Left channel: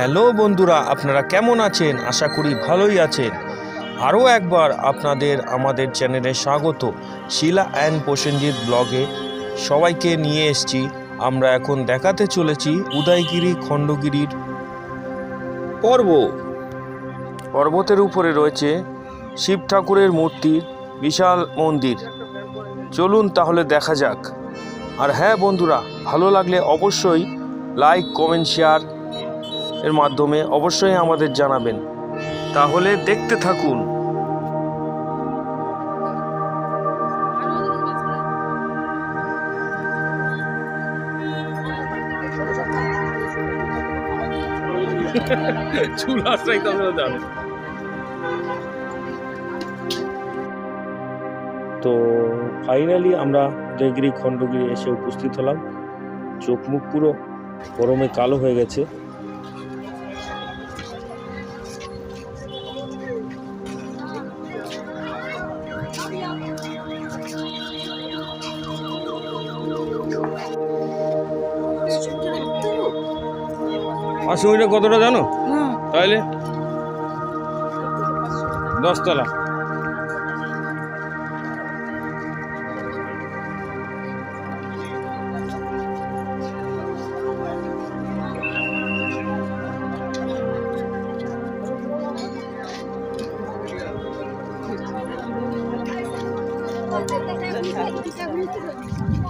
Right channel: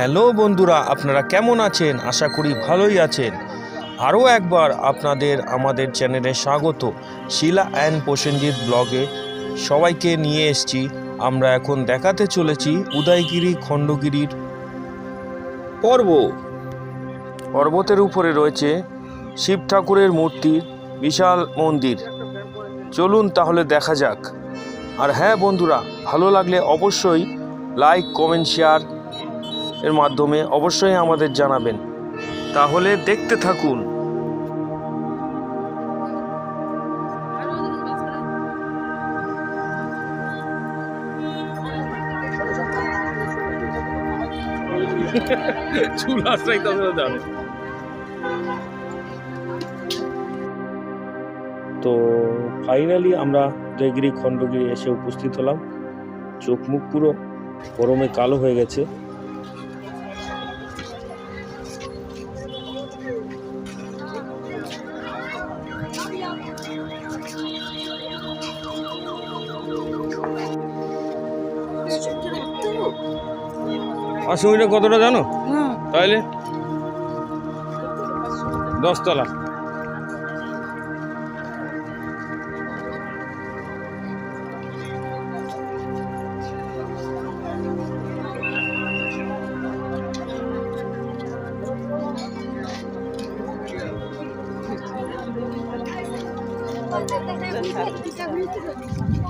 Hello বন্ধুরা, আপনারা কেমন আছেন? আশা করি ভালোই আছেন। আরও একবার আপনাদের আমাদের চ্যানেলে স্বাগত। শিলা অ্যান্ড প্রসেনজিৎ ব্লগে সবাইকে নিয়ে এসেছি। আমরা এখন দেখাতে চলেছি উদয়গিরি খণ্ডগিরির পর্ব। পর্বতের উপরে রয়েছে শিব ঠাকুরের মূর্তির বিশাল মন্দির। চলুন তাহলে দেখা যাক। আর হ্যাঁ বন্ধুরা, ভালো লাগলে অবশ্যই লাইক, কমেন্ট, শেয়ার এর মাধ্যমে অবশ্যই আমাদের জানাবেন। তাহলে দেখতে থাকুন। চুল আশ্রয় যাবে তো ফাইনালি আমরা উদয়গিরি খণ্ডগিরি এসে উপস্থিত হলাম। চোখ মুখ পুরো গরমে কালো হয়ে গেছে। অসুবিধা কতটা জানো? তাহলে দশতলা।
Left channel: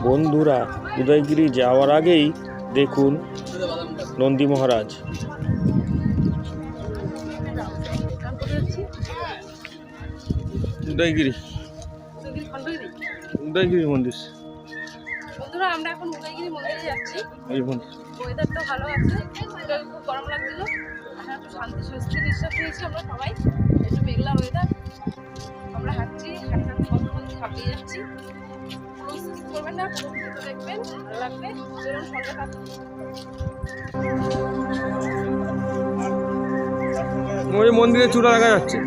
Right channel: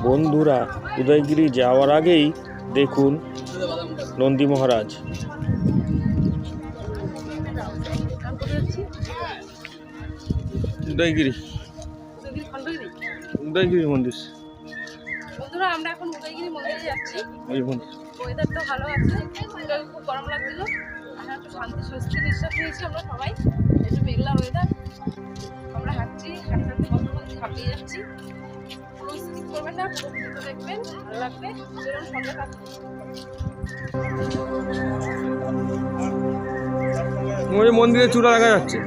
বন্ধুরা উদয়গিরি যাওয়ার আগেই দেখুন নন্দী মহারাজ। উদয়গিরি। উদয়গিরি মন্দির। বন্ধুরা আমরা এখন উদয়গিরি মন্দিরে যাচ্ছি। এই মন্দির। ওয়েদারটা ভালো আছে। খুব গরম লাগছিল। এখন একটু শান্তি স্বস্তি নিঃশ্বাস নিয়েছি আমরা সবাই। একটু মেঘলা ওয়েদার আমরা হাঁটছি হাঁটতে হাঁটতে কত বলতে হাঁপিয়ে যাচ্ছি। পুরো স্কিপ করবেন না পুরো দেখবেন ভালো লাগবে। সঙ্গে থাকবে ওই মন্দিরে চূড়া দেখা যাচ্ছে।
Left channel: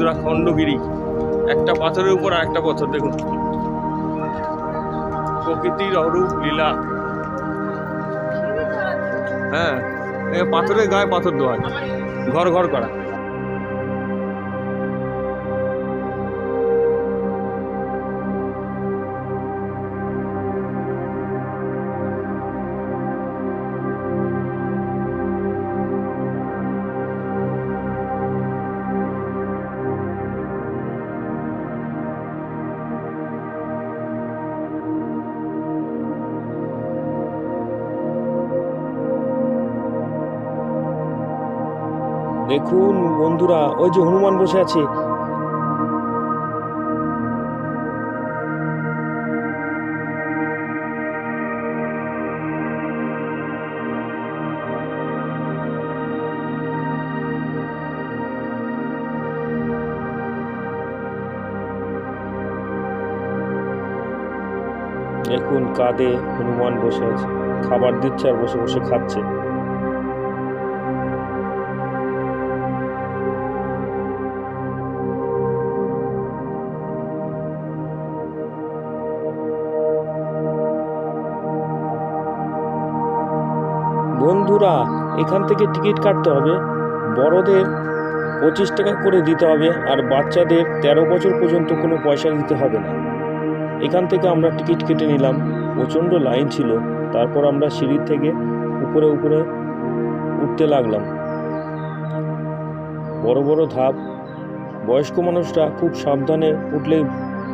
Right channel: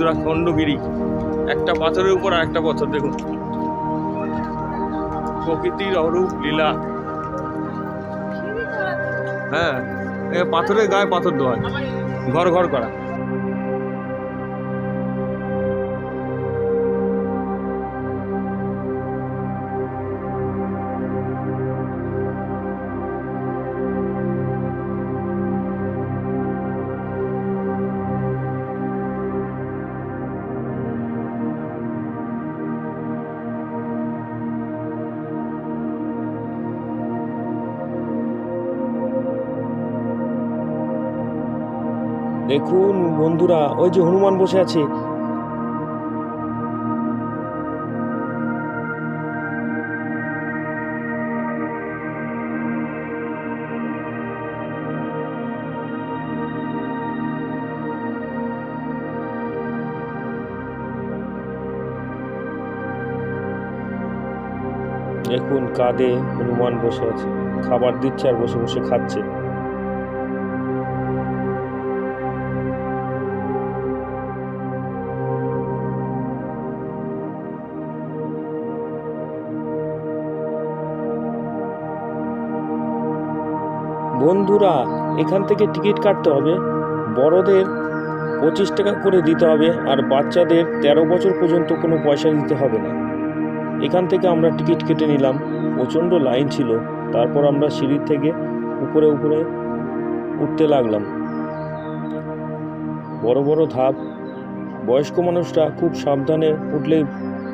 বন্ধুরা, খণ্ডগিরি। একটা পাথরের উপর আর একটা পাথর, দেখুন। প্রকৃতির অরূপ লীলা। হ্যাঁ পাথরের গায়ে পাথর দেওয়া। ঘর ঘর করা। দেখুন বন্ধুরা, ওই যে হনুমান বসে আছে। দেখুন কাঁধে হনুমান বসে আছে। খাবার দিচ্ছে আর বসে বসে খাচ্ছে। বন্ধুরা, এখান থেকে টিকিট কাটতে হবে। বড়দের পঁচিশ টাকা করে দিতে হবে আর বাচ্চাদের তেরো বছর পর্যন্ত কোনো পয়সা দিতে হবে না। এখান থেকে আমরা টিকিট কেটে নিলাম। প্রচণ্ড লাইন ছিল। তারপর আমরা সিঁড়ির থেকে উপরে উপরে উঠতে লাগলাম। বড় বড় ধাপ। বয়স্ক মানুষরা খুব সাবধানে উঠলেই,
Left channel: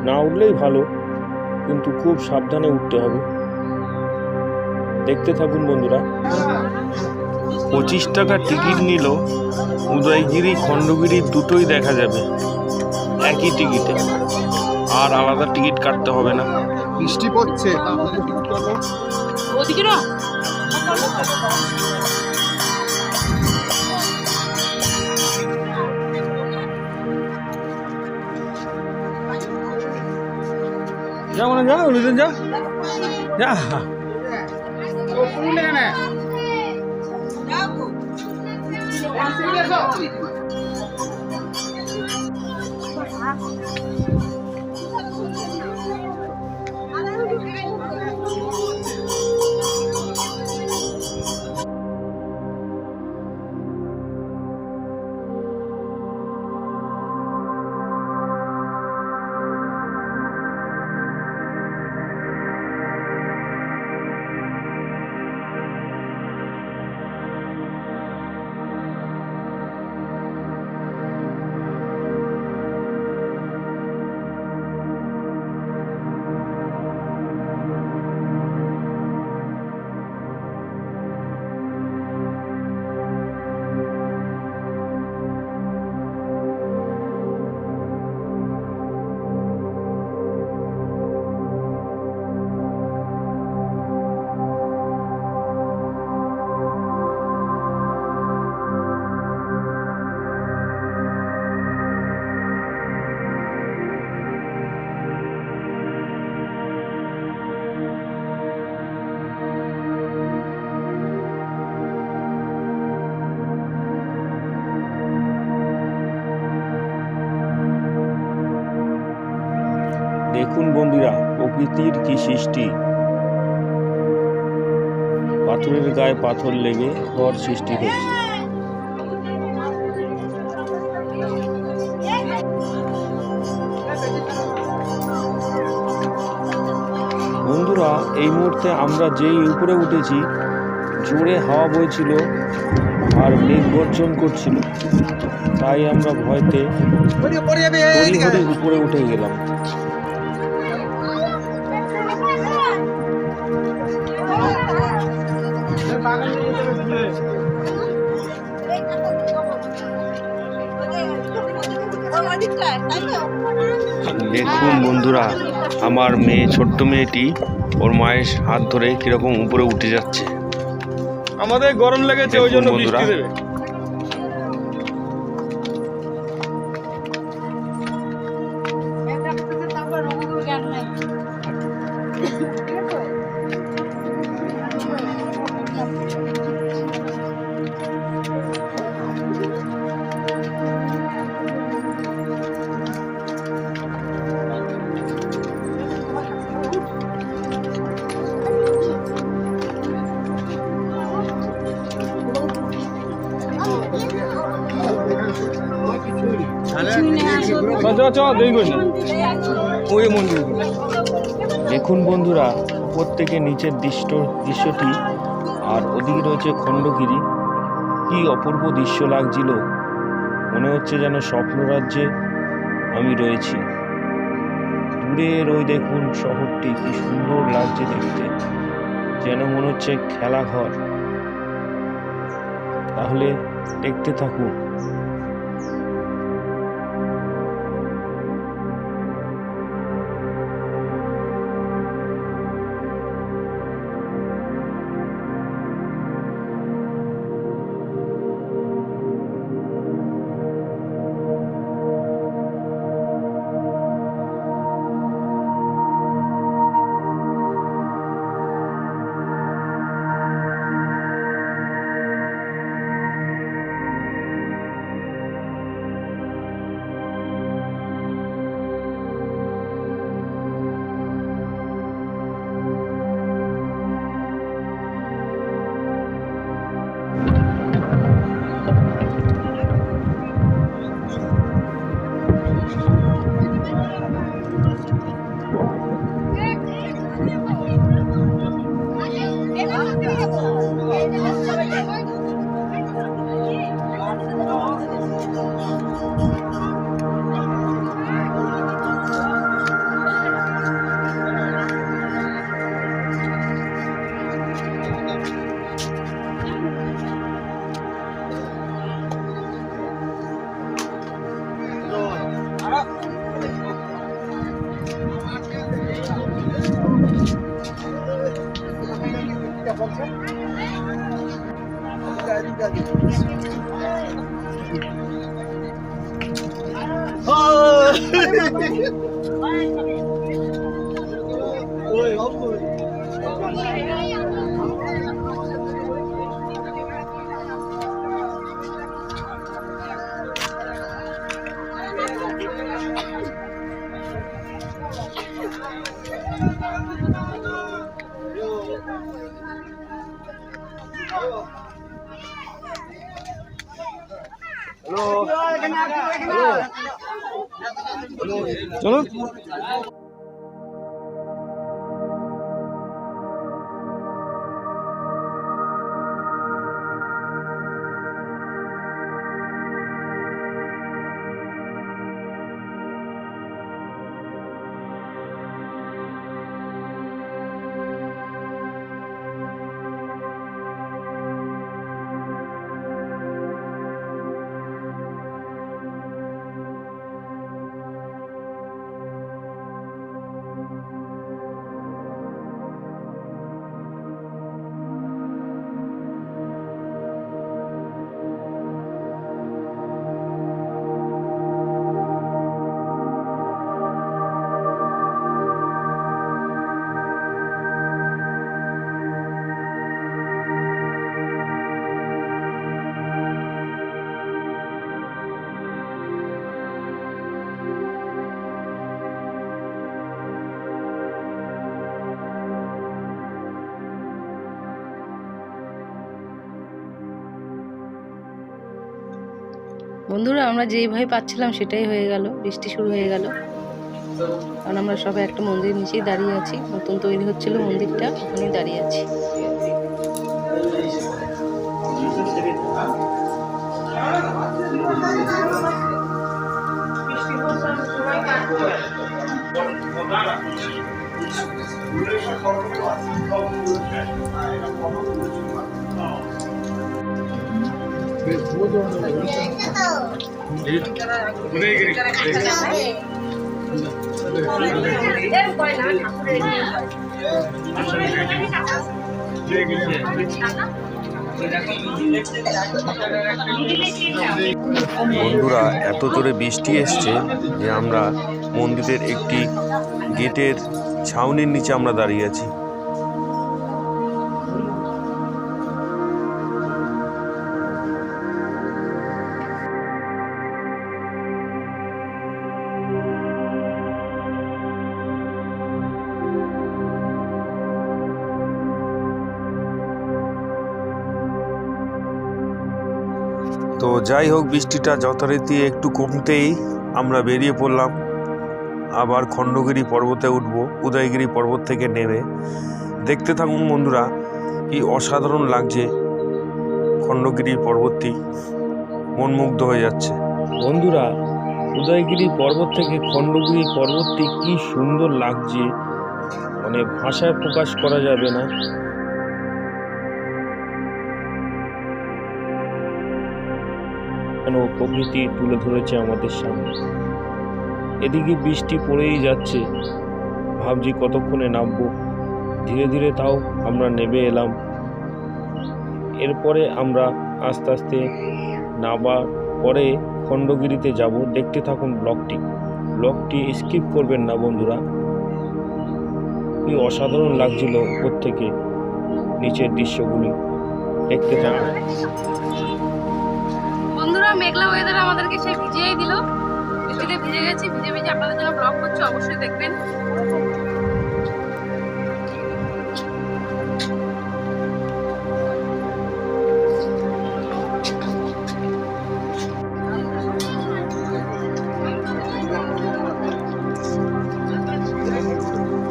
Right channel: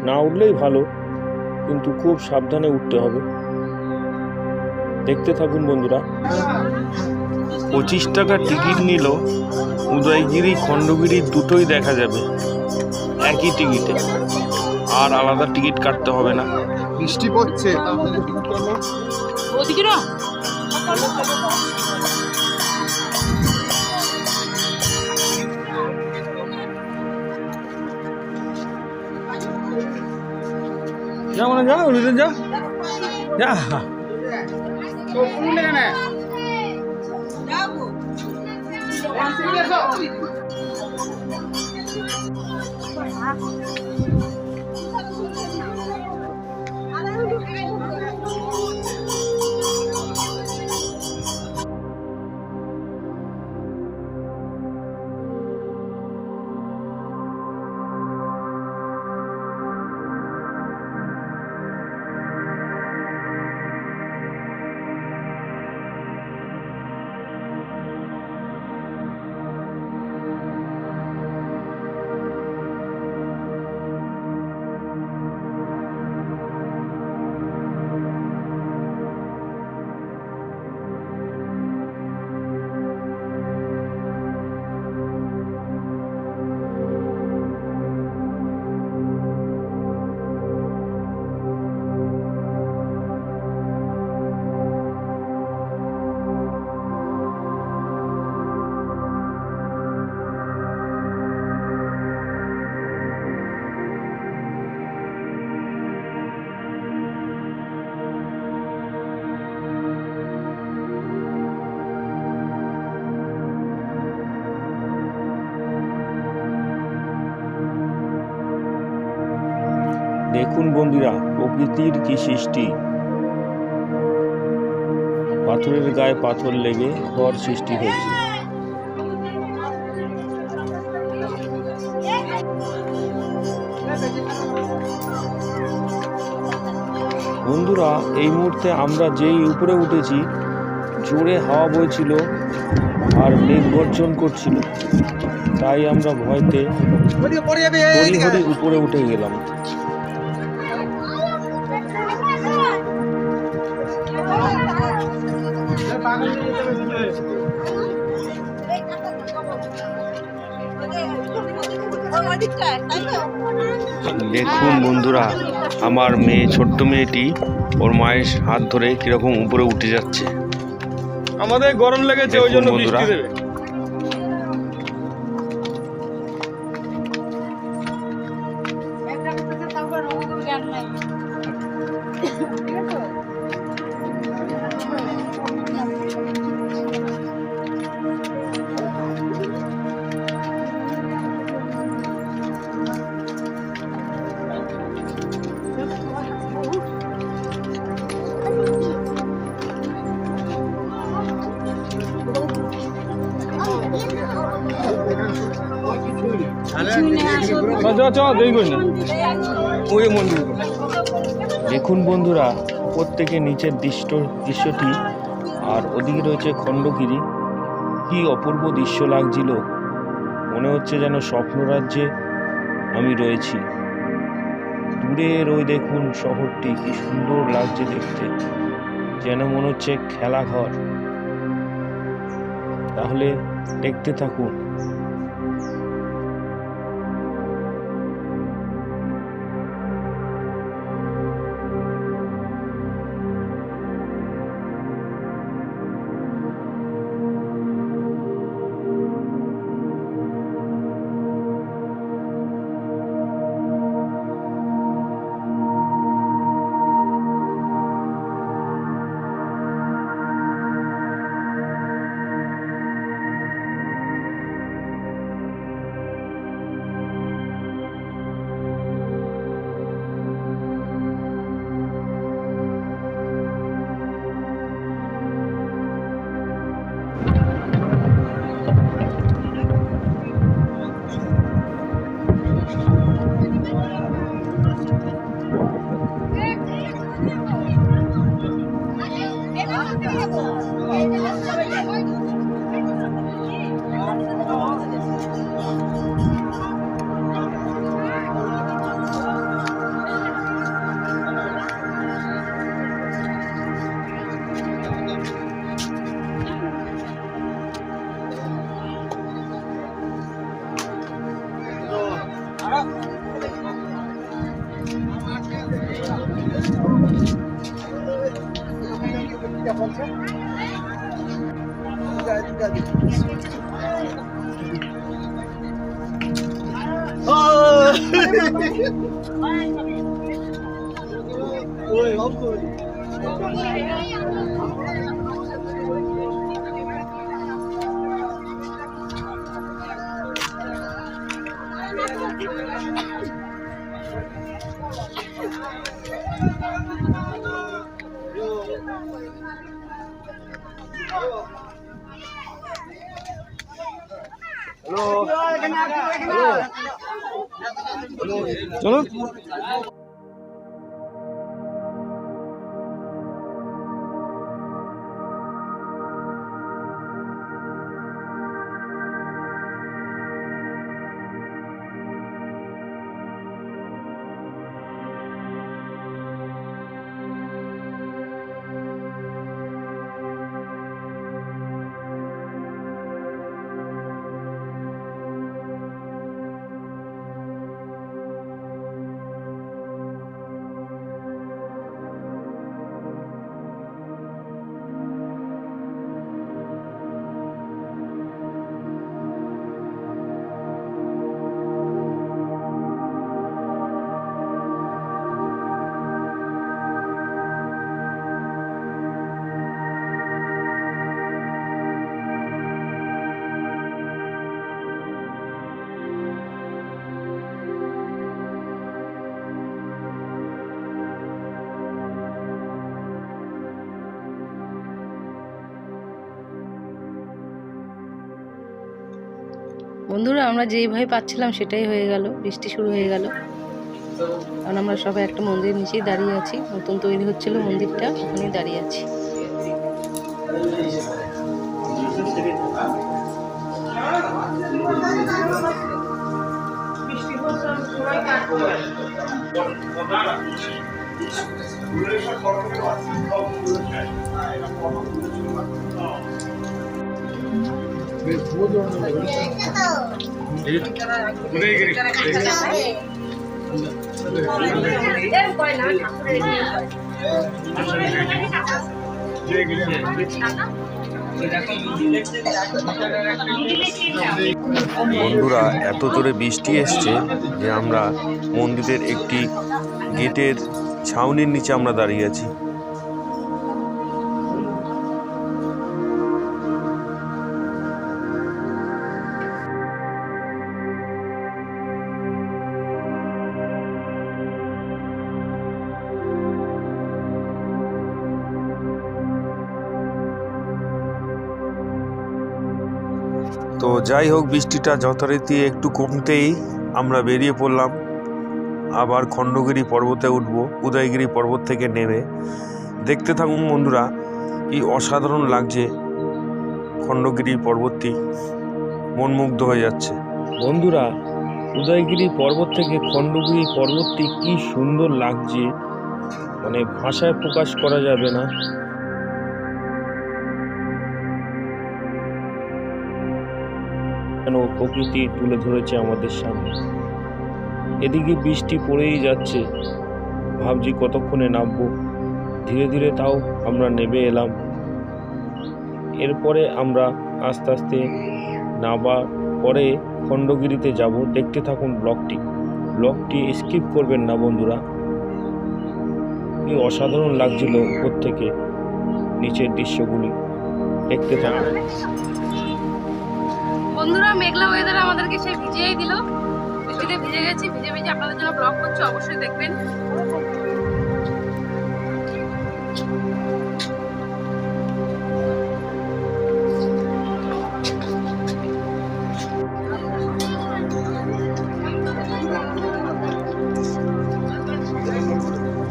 না উঠলেই ভালো, কিন্তু খুব সাবধানে উঠতে হবে। দেখতে থাকুন বন্ধুরা। পঁচিশ টাকা টিকিট নিল উদয়গিরি খণ্ডগিরি দুটোই দেখা যাবে একই টিকিটে। আর আলাদা টিকিট কাটতে হবে না। বৃষ্টি পড়ছে যা টিকিট করো ওদিকে না। যা মানে যা। ওদিকে যা যা দেখুন বন্ধুরা প্রকৃতির কি সৃষ্টি? পাথরের গায়ে পাথর লেগে ঘর সৃষ্টি হয়েছে। বন্ধুরা এই মুহূর্তে আমরা যেই উপরে উঠেছি জোরে হাওয়া বইছিল আর মেঘ গর্জন করছিল। তাই আমরা ভয়তে উপরে উঠে গেলাম। দেখুন বন্ধুরা আমার মেয়ে ছোট্ট মেয়েটি ওর মায়ের হাত ধরে কীরকম উপরে উঠে যাচ্ছে। আমাদের গরম লেগেছে ওই জন্য বন্ধুরা। বৃষ্টি দেবে। দেখুন বন্ধুরা উপর থেকে নিচের দৃশ্য দৃশ্যটি, আর ওদিকে রয়েছে খণ্ডগিরি। কি অপূর্ব দৃশ্য লাগছিল। মনে হচ্ছে যেন স্বপ্নরাজ্যে আমি রয়েছি। দূরের ওই দেখুন শহরটি, কি সুন্দর লাগছে দেখতে। যেন মনে হচ্ছে খেলাঘর। তাহলে দেখতে থাকুন। Oh! Oi, olha o. Obrigado. বন্ধুরা, আমরা যেইভাবে পাচ্ছিলাম সেটাই হয়ে গেল, বৃষ্টি শুরু হয়ে গেল। কারণ আমরা সবাই একটা মন্দিরের নিচেই দাঁড়িয়ে আছি, নতুন তৈরি হচ্ছিল মন্দিরটা, ওখানেই দাঁড়িয়ে আছি। বন্ধুরা, এত জোরে বৃষ্টি এসছে যে আমরা মন্দিরের একটি গেটের ছাউনির নিচে আমরা দাঁড়িয়ে আছি। তো যাই হোক, বৃষ্টিটা যথারীতি একটু কমতেই আমরা বেরিয়ে পড়লাম। আবার খণ্ডগিরি পর্বতে উঠব, উদয়গিরি পর্বত থেকে নেমে। দেখতে থাকুন বন্ধুরা, কি অসাধারণ লাগছে খণ্ডগিরি পর্বতটি। মনমুগ্ধ হয়ে যাচ্ছে। বন্ধুরা, উদয়গিরি পর্বত থেকে খণ্ডগিরি পর্বতটি কি সুন্দর লাগছে। মানে ভাষায় প্রকাশ করা যাবে না। যেন প্রকৃতি তুলে ধরেছে আমাদের সামনে। এদিকে বৃষ্টি পড়েই যাচ্ছে। ভাবছি কতক্ষণে নামবো। ধীরে ধীরে তাও আমরা নেমে এলাম। এরপরে আমরা আস্তে আস্তে নামার পরে খণ্ডগিরিতে যাব। দেখতে থাকুন ব্লকটি ব্লকটি স্কিপ করবেন না বন্ধুরা। কি অসাধারণ লাগছিল উপর থেকে নিচের দৃশ্যগুলি। দেখতে থাকুন। বন্ধুরা, মেঘলা ওয়েদার আমাদেরকে সে ভিজিয়েই দিল। বৃষ্টিতে ভিজে গেছি, ভিজে ভিজে আপনাদের জন্য ব্লগ করছি, অবশ্যই দেখবেন।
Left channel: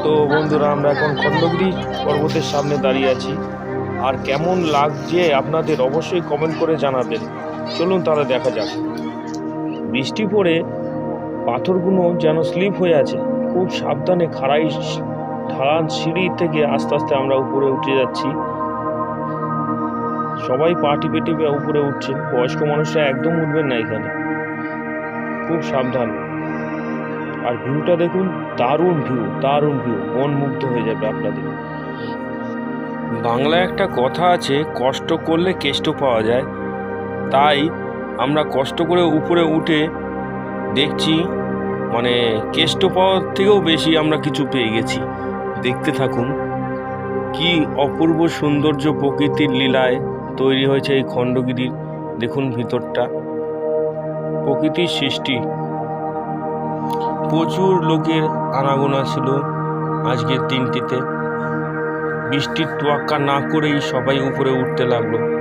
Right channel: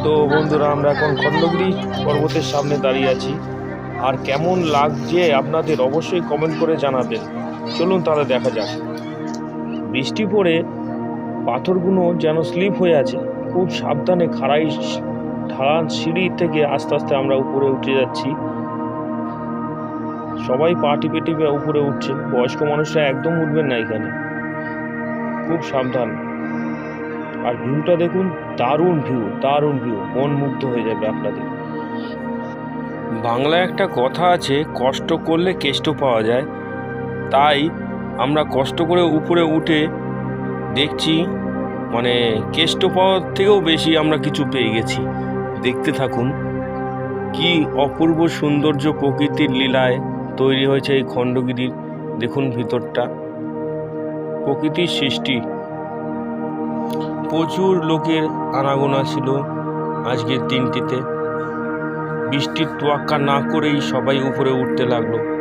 তো বন্ধুরা, আমরা এখন খণ্ডগিরি পর্বতের সামনে দাঁড়িয়ে আছি। আর কেমন লাগছে আপনাদের অবশ্যই কমেন্ট করে জানাবেন। চলুন তাহলে দেখা যাক। বৃষ্টি পড়ে পাথরগুলো যেন স্লিপ হয়ে আছে। খুব সাবধানে খাড়াই ঢালান সিঁড়ি থেকে আস্তে আস্তে আমরা উপরে উঠে যাচ্ছি। সবাই পা টিপে টিপে উপরে উঠছেন বয়স্ক মানুষরা একদম উঠবেন না এখানে। খুব সাবধান। আর ভিউটা দেখুন, দারুণ ভিউ দারুণ ভিউ মন মুগ্ধ হয়ে যাবে আপনাদের। বাংলায় একটা কথা আছে, কষ্ট করলে কেষ্ট পাওয়া যায়। তাই আমরা কষ্ট করে উপরে উঠে দেখছি মানে কেষ্ট পাওয়ার থেকেও বেশি আমরা কিছু পেয়ে গেছি। দেখতে থাকুন, কি অপূর্ব সৌন্দর্য প্রকৃতির লীলায় তৈরি হয়েছে এই খণ্ডগিরির দেখুন ভিতরটা। প্রকৃতির সৃষ্টি। প্রচুর লোকের আনাগোনা ছিল আজকের দিনটিতে। বৃষ্টির তোয়াক্কা না করেই সবাই উপরে উঠতে লাগল।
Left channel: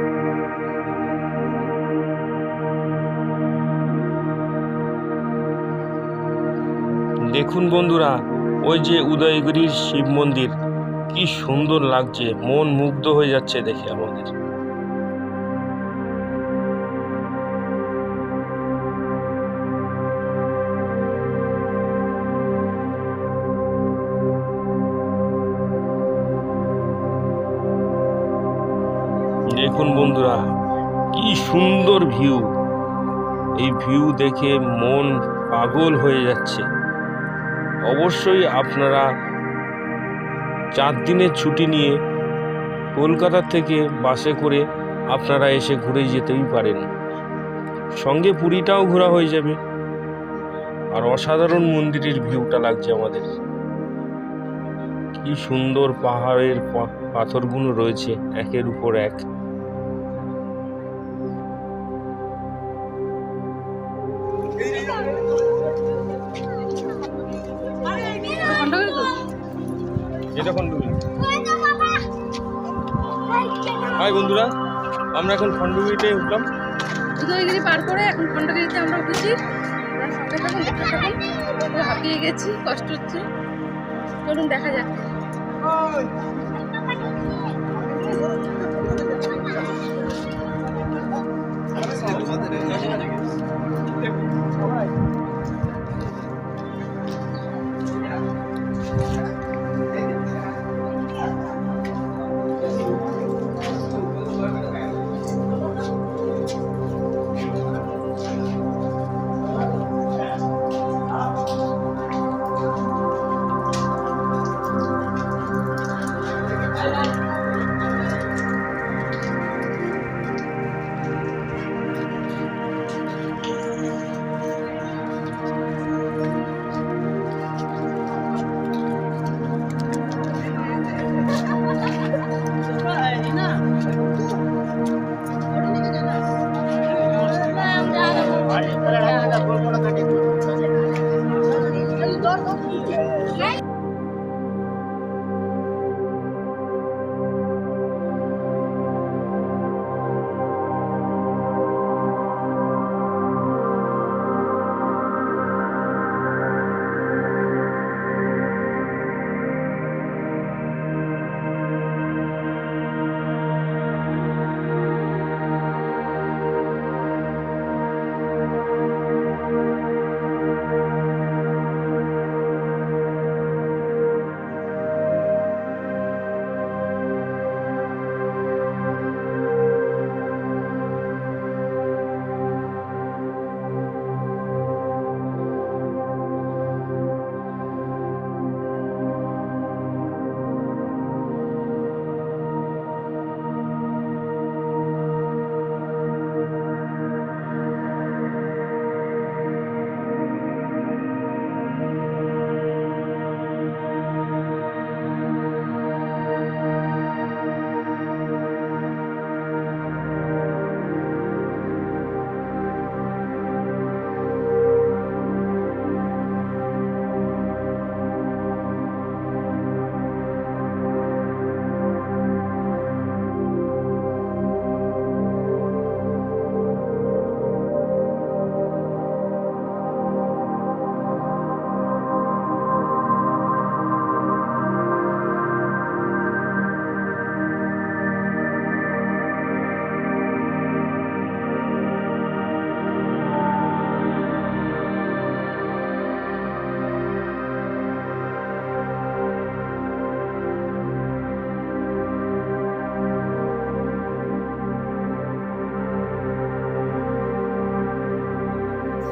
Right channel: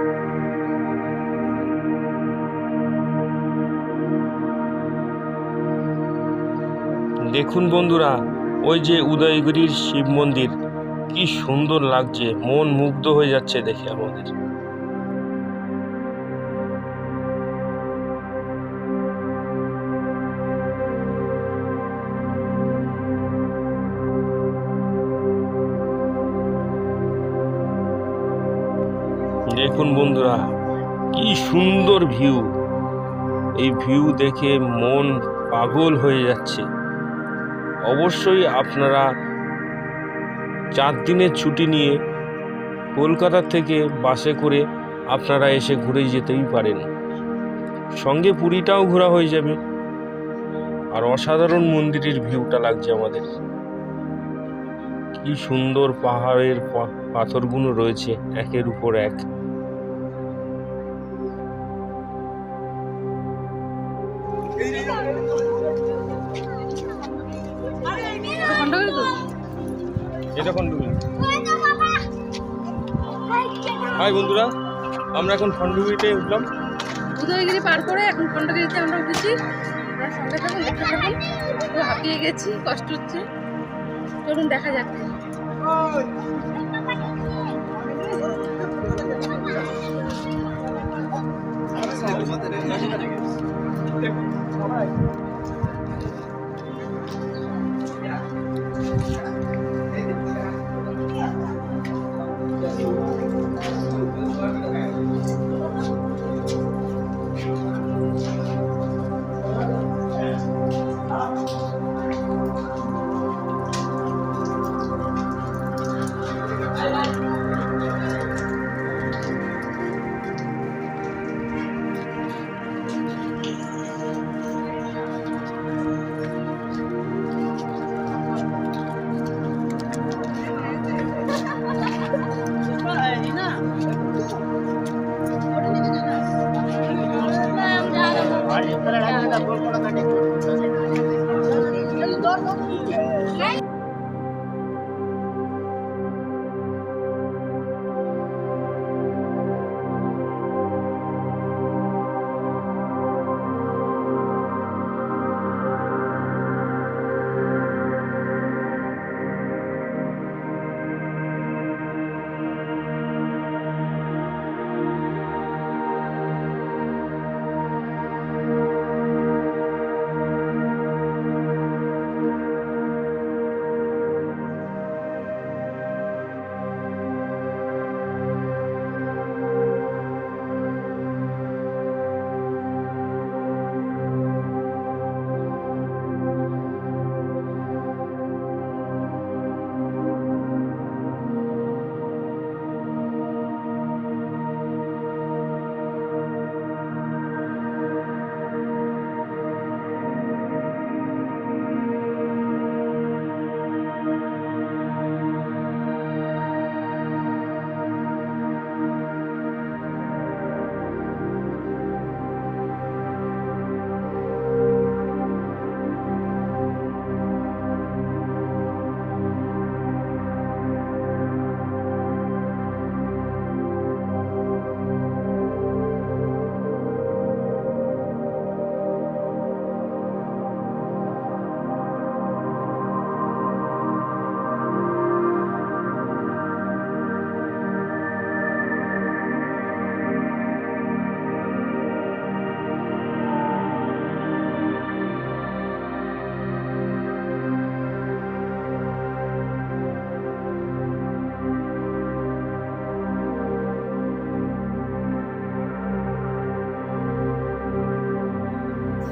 দেখুন বন্ধুরা, ওই যে উদয়গিরির শিব মন্দির। কি সুন্দর লাগছে, মন মুগ্ধ হয়ে যাচ্ছে দেখে আমাদের। দেখুন বন্ধুরা, কি সুন্দর ভিউ। এই ভিউ দেখে মন পাগল হয়ে যাচ্ছে। অবশ্যই আপনারা চার দিনের ছুটি নিয়ে কলকাতা থেকে বাসে করে আপনারা এসে ঘুরে যেতেই পারেন। সঙ্গে পুরীটাও ঘোরা হয়ে যাবে। আর অসাধারণ মন্দিরের ভিউটা লাগছে আমাদের। কি সুন্দর পাহাড়ের পাথরগুলো রয়েছে, একের উপর এক। এটা হাই বন্ধুরা আমরা এখন খণ্ডগিরিতে উঠলাম। উদয়গিরি পার করে এখন খণ্ডগিরিতে আমরা উঠেছি। আপনারা সঙ্গে থাকুন দেখতে থাকুন। পুরো হাঁপিয়ে গেছি কষ্ট হচ্ছে। চলুন দেখা যাক।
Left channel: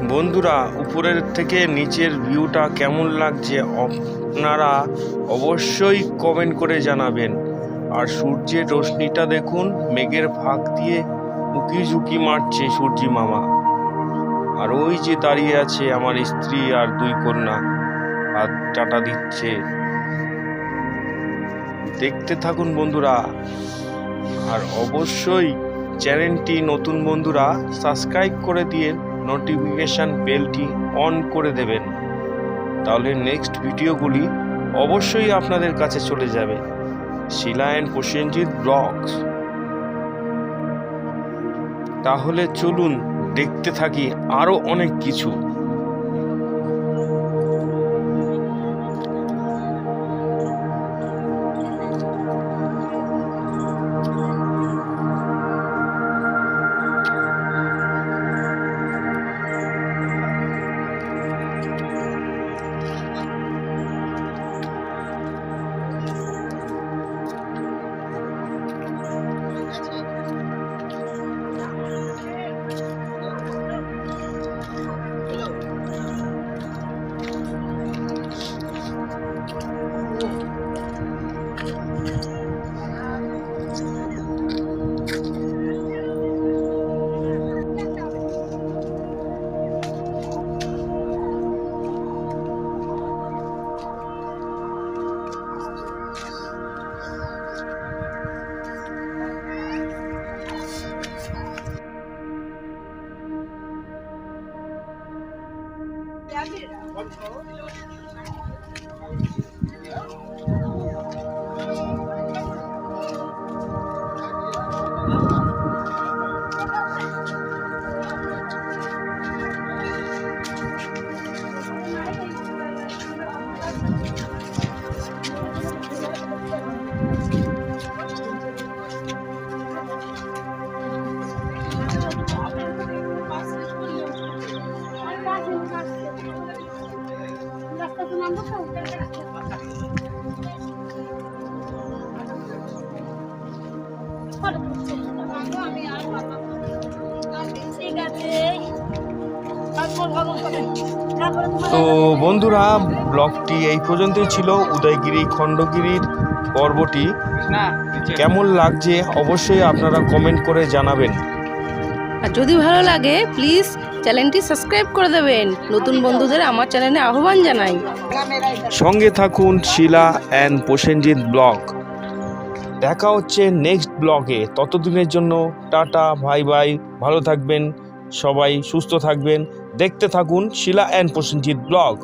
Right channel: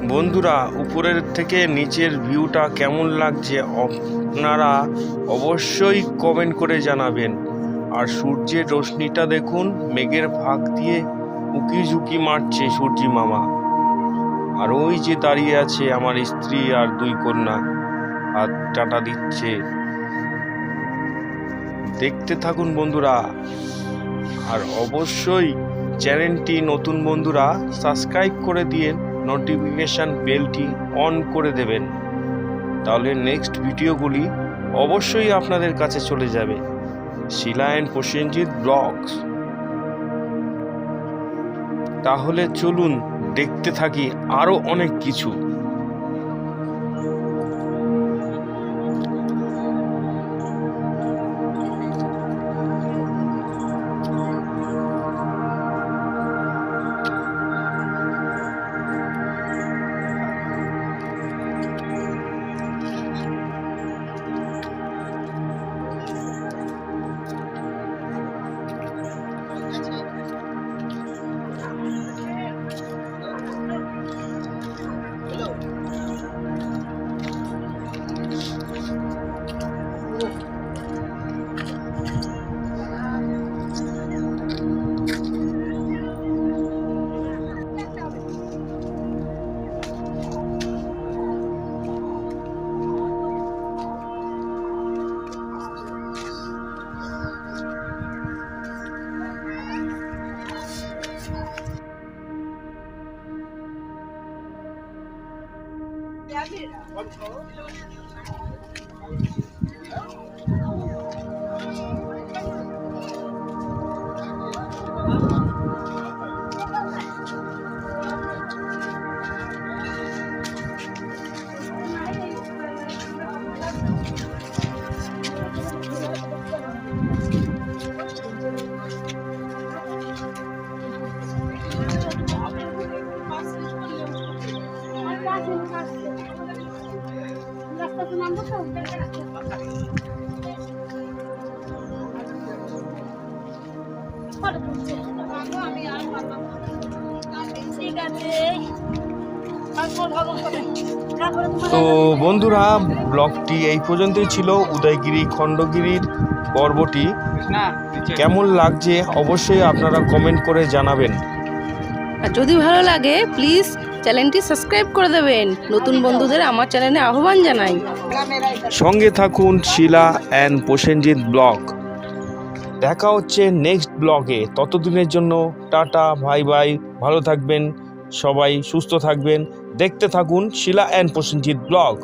বন্ধুরা, উপরের থেকে নিচের ভিউটা কেমন লাগছে আপনারা অবশ্যই কমেন্ট করে জানাবেন। আর সূর্যের রশ্মিটা দেখুন, মেঘের ফাঁক দিয়ে উকি ঝুঁকি মারছে সূর্যি মামা। আর ওই যে দাঁড়িয়ে আছে আমার স্ত্রী আর দুই কন্যা, আর টাটা দিচ্ছে। দেখতে থাকুন বন্ধুরা। আর অবশ্যই চ্যানেলটি নতুন বন্ধুরা সাবস্ক্রাইব করে দিয়ে নোটিফিকেশান বেলটি অন করে দেবেন। তাহলে নেক্সট ভিডিওগুলি অবশ্যই আপনাদের কাছে চলে যাবে। Shila and Prosenjit blogs. তাহলে চলুন দেখতে থাকি আরও অনেক কিছু। control. তো বন্ধুরা ব্লগটি এই পর্যন্তই ছিল। উদয়গিরি খণ্ডগিরির পর্বটি কেমন লাগছে অবশ্যই আপনারা কমেন্ট করে জানাবেন। আর যদি ভালো লাগে প্লিজ চ্যানেলটি সাবস্ক্রাইব করে দেবেন। নতুন বন্ধুদের আমার চ্যানেলে আহ্বান জানাই। সঙ্গে থাকুন শিলা অ্যান্ড প্রসেনজিৎ ব্লগ। দেখা হচ্ছে নেক্সট ব্লগে। ততদিনের জন্য টাটা ভাই ভাই ভালো থাকবেন সবাই সুস্থ থাকবেন। দেখতে থাকুন শিলা অ্যান্ড প্রসেনজিৎ ব্লগ।